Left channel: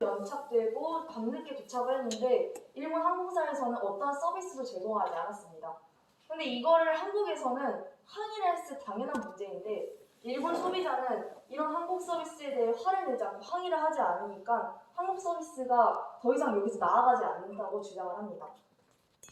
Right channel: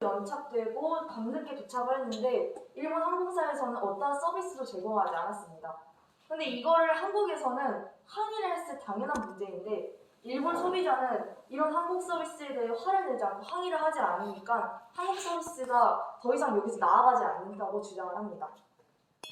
연착되고 밤늦게 도착을 했는데 일본 항공사에서는 어떠한 서비스도 제공하지 않았습니다. 근데 이거를 한국에서는 항의를 했을 당연한 문제인데 일본 소비자는 이런 한국 서비스에 대해 화를 내지 않고 항의를 하지 않으니까 한국 서비스가 더 이상 여기서 나아가지 않는다고 주장을 합니다.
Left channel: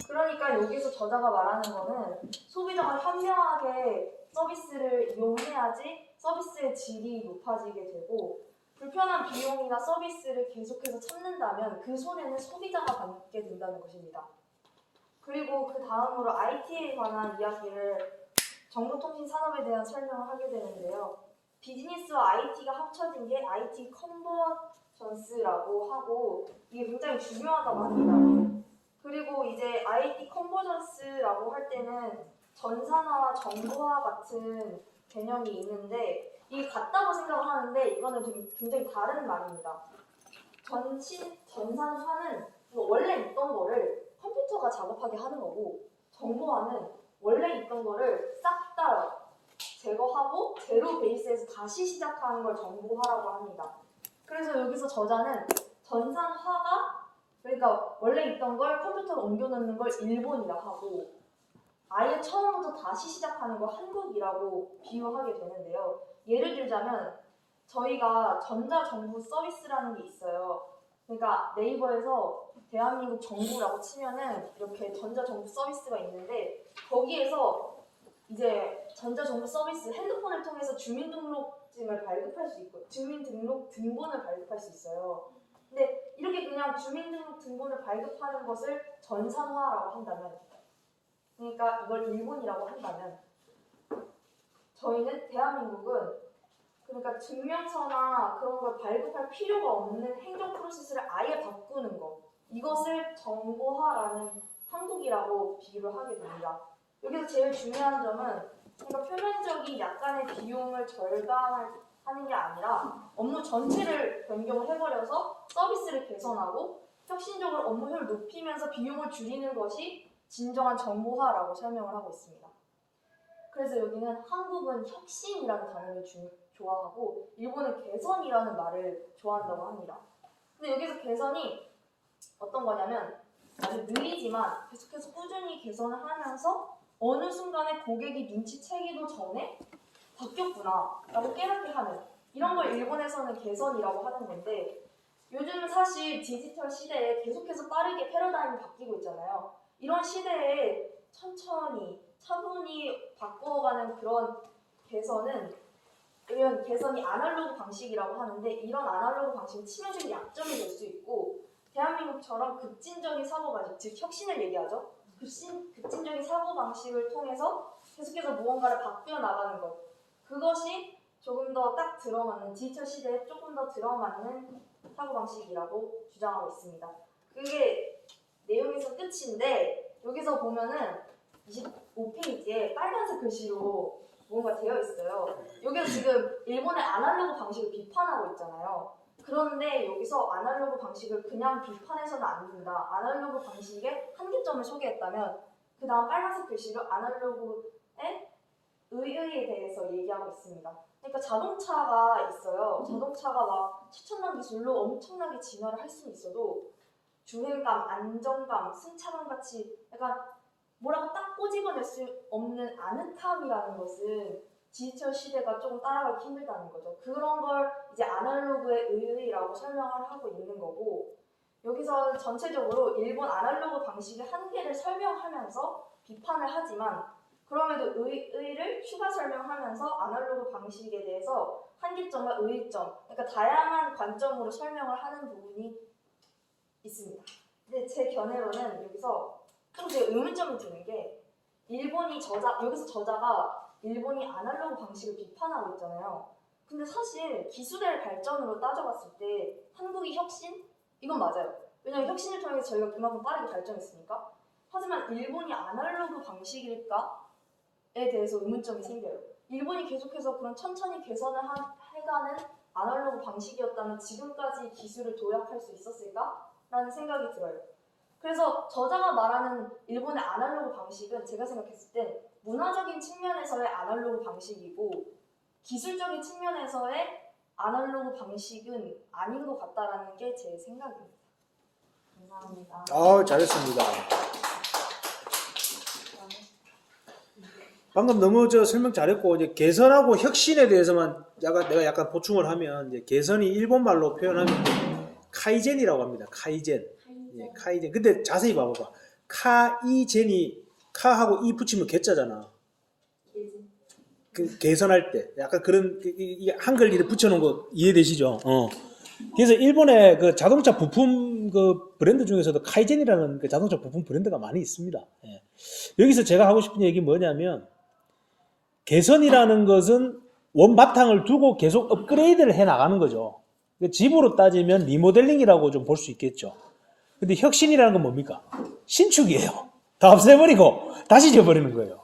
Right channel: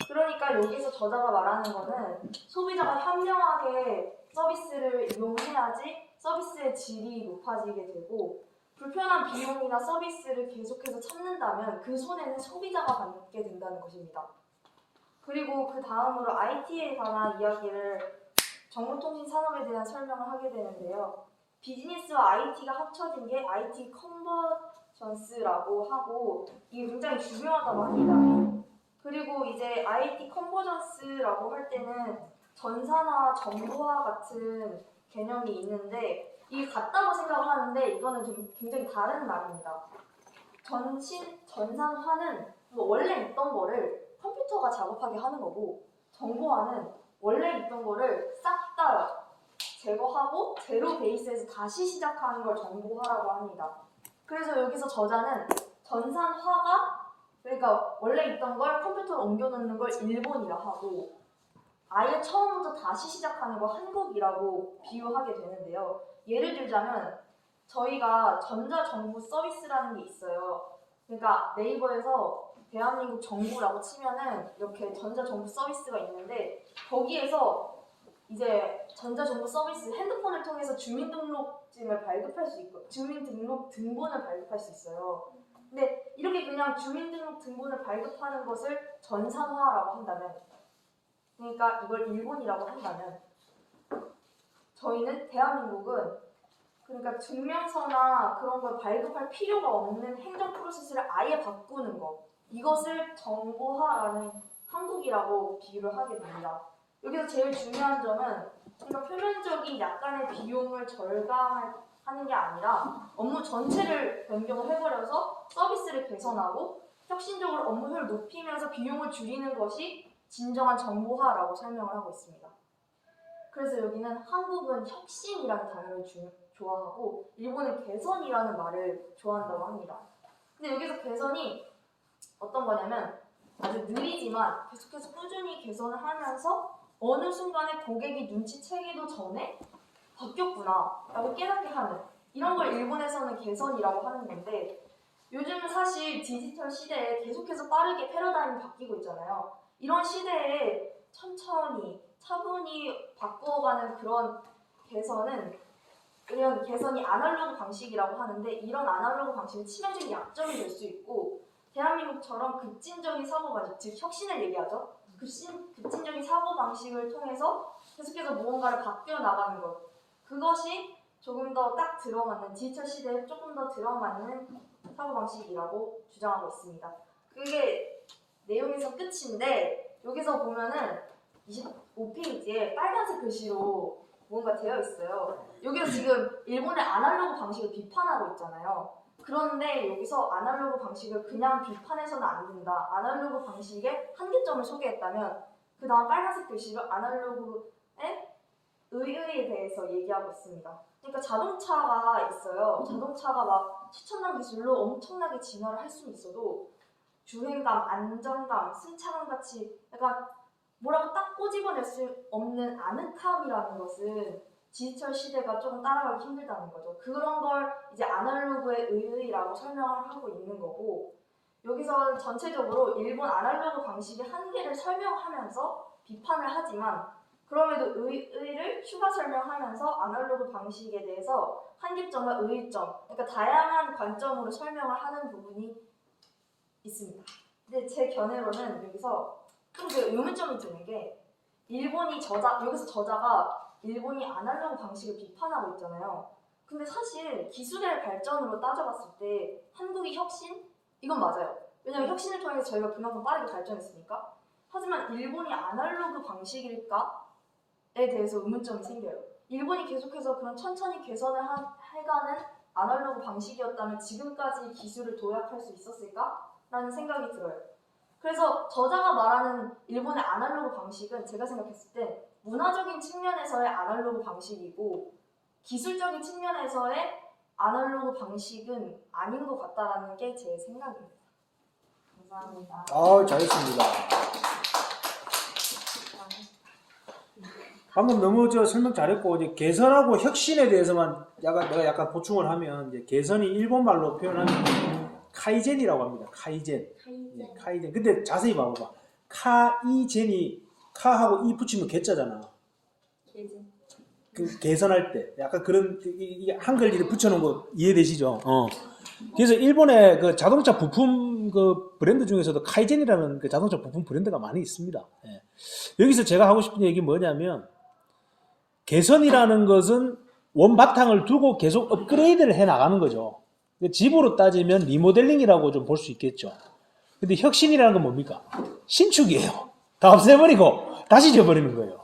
그러니까 여기서 저자가 말하는 거는 소비자가 현명하게 서비스를 이용해야지 서비스의 질이 높아지게 되고 불편한 비용이나 서비스를 계속해서 참는다면 그 손해는 소비자가 받게 된다는 것입니다. 그리고 그 다음으로 IT에 관한 이야기를 정보통신 산업에 대한 설명을 하게 되는데요. 비즈니스와 IT가 합쳐진 게 IT 컨버전스라고 하고 이게 굉장히 중요하다고 합니다. 그리고 이제 IT 컨버전스라고 할 때는 전산화, 정보화 같은 개념이 있는데 이게 같다고 생각을 하는데 이거는 굉장히 다른 말입니다. 전산화는 원래 있던 거를 컴퓨터가 작업하게 하는 거고 정보화는 원래 있던 거를 싹 다 제거하고 제로 베이스에서 다시 시작하는 걸 정보화라고 합니다. 그래서 여기서 저자는 전산화가 그러니까 원래 있던 걸 컴퓨터로 옮겨놓는 걸 일본이라고 하고 아예 처음부터 다시 시작하는 걸 한국이라고 비유하게 되는데요. 예를 들자면 저희가 전자정부 서비스라는 게 있어요. 그러니까 네이버에서 대한민국 정부라고 치면은 이렇게 전자정부 서비스가 있는데 거기에서 이제 전자정부 서비스 핸드폰을 통해서 주민등록증을 발급할 수 있고 주민등록 등본을 발급할 수 있어요. 근데 이렇게 그냥 주민등록 등본을 발급하는 것을 전산화라고 한다면 그러니까 이걸 일본이라고 한다면 저희는 대한민국은 그러니까 증명서나 그런 걸 발급할 필요가 없는 행정 프로세스를 아예 바꾸는 것 이것을 정보화라는 한국이라고 비유를 하게 됩니다. 여기서 제일 중요한 점은 그러니까 표면적인 약간의 비용을 절감하는 게 아니라 업무 전체를 변경을 해버려서 서비스를 개선하고 혁신적으로 업무 효율을 높이면서 비용을 줄이는 것이 진정한 정보화라고 설명을 하고 있습니다. 그래서 여기는 한국은 혁신이라는 단어를 좋아하고 일본은 개선이라는 말을 좋아한다고 합니다. 근데 여기서 개선이 어떤 거냐면 아주 느리지만 계속해서 꾸준히 개선을 하면서 어느 순간에 고객이 눈치채기도 전에 바뀌었구나 라고 깨닫게 하는 이런 걸 일본에서는 개선이라고 하는 건데 요즘은 사실 디지털 시대에 계속해서 빠르게 패러다임이 바뀌고 있잖아요. 이런 시대에 천천히 차분히 바꾸어가는 그런 개선은 이런 개선이 아날로그 방식이라고 하는데 이런 아날로그 방식은 치명적인 약점이 될 수 있고 대한민국처럼 급진적인 사고방식, 즉 혁신을 얘기하죠. 급진적인 사고방식을 통해서 계속해서 무언가를 바뀌어 나가는 것 그것이 조금 더 딱 들어맞는 디지털 시대에 조금 더 들어맞는 사고방식이라고 주장하고 있습니다. 그게 내용에서 끝인데 여기서 보면은 25페이지에 빨간색 글씨로 뭔가 되어 있어요. 여기서 지금 일본의 아날로그 방식을 비판하고 있잖아요. 그런데 여기서 아날로그 방식을 그냥 비판해서는 안 된다. 아날로그 방식의 한계점을 소개했다면 그 다음 빨간색 글씨로 아날로그의 의의에 대해서 얘기하고 있습니다. 그러니까 자동차가 있어요. 자동차가 막 최첨단 기술로 엄청나게 진화를 할 수는 있어도 주행감, 안정감, 승차감 같이 약간 뭐라고 딱 꼬집어낼 수 없는 아늑함이라는 것은 디지털 시대가 조금 따라가기 힘들다는 거죠. 그런 걸 이제 아날로그의 의의라고 설명을 하고 있는 거고 여기서 전체적으로 일본 아날로그 방식의 한계를 설명하면서 비판을 하지만 그럼에도 의의를 추가 설명하면서 아날로그 방식에 대해서 한계점과 의의점 그러니까 다양한 관점으로 설명을 하는 부분이 있습니다. 근데 제 견해로는 여기서 좀 그 의문점이 드는 게 여기서 저자가 일본이 아날로그 방식을 비판하고 있잖아요. 근데 사실 기술의 발전으로 따져봤을 때 한국이 혁신? 이건 맞아요. 왜냐면 혁신을 통해서 저희가 그만큼 빠르게 발전했으니까. 하지만 일본이 아날로그 방식일까에 대해서 의문점이 생겨요. 일본이 계속해서 그런 천천히 개선을 해가는 아날로그 방식이었다면 지금까지 기술을 도약할 수 있었을까? 라는 생각이 들어요. 그래서 저자가 말하는 일본의 아날로그 방식은 제가 생각했을 때 문화적인 측면에서의 아날로그 방식이고 기술적인 측면에서의 아날로그 방식은 아닌 것 같다라는 게 제 생각입니다. 감사합니다. 잘했습니다. 방금 너무 설명 잘했고, 이제 개선하고 혁신에 대해서만 내가 약간 보충을 하면, 이제 개선이 일본 말로 표현하면 카이젠이라고 합니다. 카이젠. 예, 카이젠. 근데 자세히 봐봐. 카이젠이 카하고 이 붙이면 개자잖아. 그 개선할 때 약간 그런 이게 한글 이렇게 붙여놓은 거 이해되시죠? 그래서 일본의 그 자동차 부품 그 브랜드 중에서도 카이젠이라는 그 자동차 부품 브랜드가 많이 있습니다. 예. 여기서 제가 하고 싶은 얘기 뭐냐면, 개선이라는 것은 원바탕을 두고 계속 업그레이드를 해 나가는 거죠. 집으로 따지면 리모델링이라고 좀 볼 수 있겠죠. 근데 혁신이라는 건 뭡니까? 신축이에요. 다 없애버리고 다시 지어버리는 거예요.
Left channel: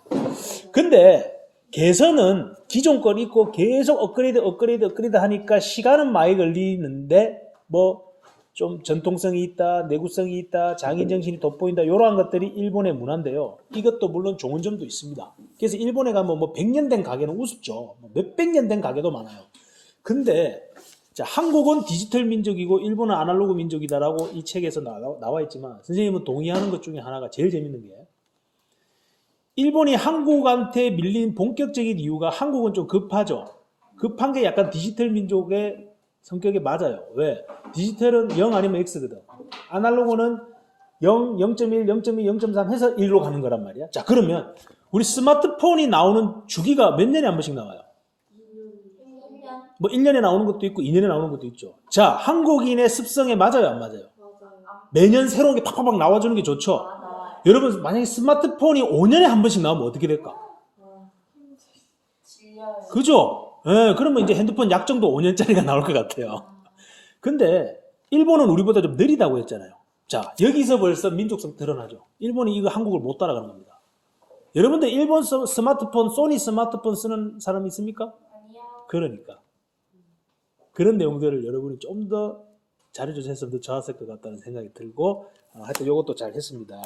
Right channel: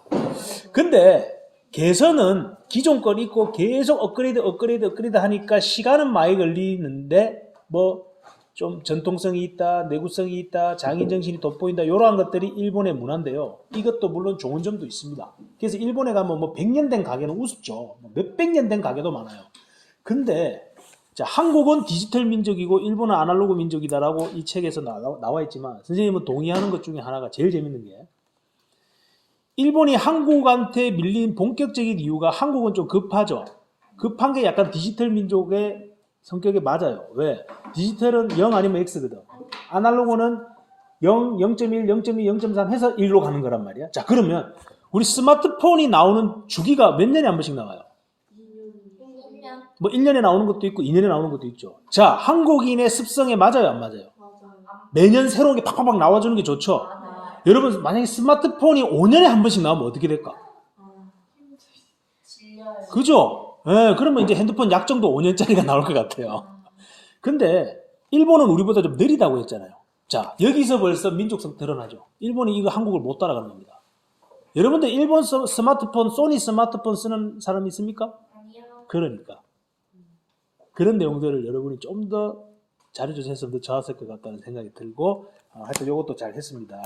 근데 개선은 기존 건 있고 계속 업그레이드 하니까 시간은 많이 걸리는데 뭐 좀 전통성이 있다, 내구성이 있다, 장인정신이 돋보인다, 이러한 것들이 일본의 문화인데요. 이것도 물론 좋은 점도 있습니다. 그래서 일본에 가면 뭐 100년 된 가게는 우습죠. 몇백 년 된 가게도 많아요. 근데 자, 한국은 디지털 민족이고 일본은 아날로그 민족이다라고 이 책에서 나와 있지만, 선생님은 동의하는 것 중에 하나가 제일 재밌는 게, 일본이 한국한테 밀린 본격적인 이유가, 한국은 좀 급하죠. 급한 게 약간 디지털 민족의 성격에 맞아요. 왜? 디지털은 0 아니면 X거든. 아날로그는 0, 0.1, 0.2, 0.3 해서 1로 가는 거란 말이야. 자, 그러면 우리 스마트폰이 나오는 주기가 몇 년에 한 번씩 나와요? 1년? 뭐 1년에 나오는 것도 있고 2년에 나오는 것도 있죠. 자, 한국인의 습성에 맞아요, 안 맞아요? 매년 새로운 게 팍팍팍 나와주는 게 좋죠. 여러분, 만약에 스마트폰이 5년에 한 번씩 나오면 어떻게 될까? 그죠? 예, 그러면 이제 핸드폰 약정도 5년짜리가 나올 것 같아요. 근데 일본은 우리보다 좀 느리다고 했잖아요. 자, 여기서 벌써 민족성 드러나죠. 일본이 이거 한국을 못 따라가는 겁니다. 여러분들 일본 스마트폰, 소니 스마트폰 쓰는 사람 있습니까? 아니요. 그러니까 그런 내용들을 여러분이 좀 더 잘해주셨으면 더 좋았을 것 같다는 생각이 들고, 하여튼 이것도 잘 했습니다.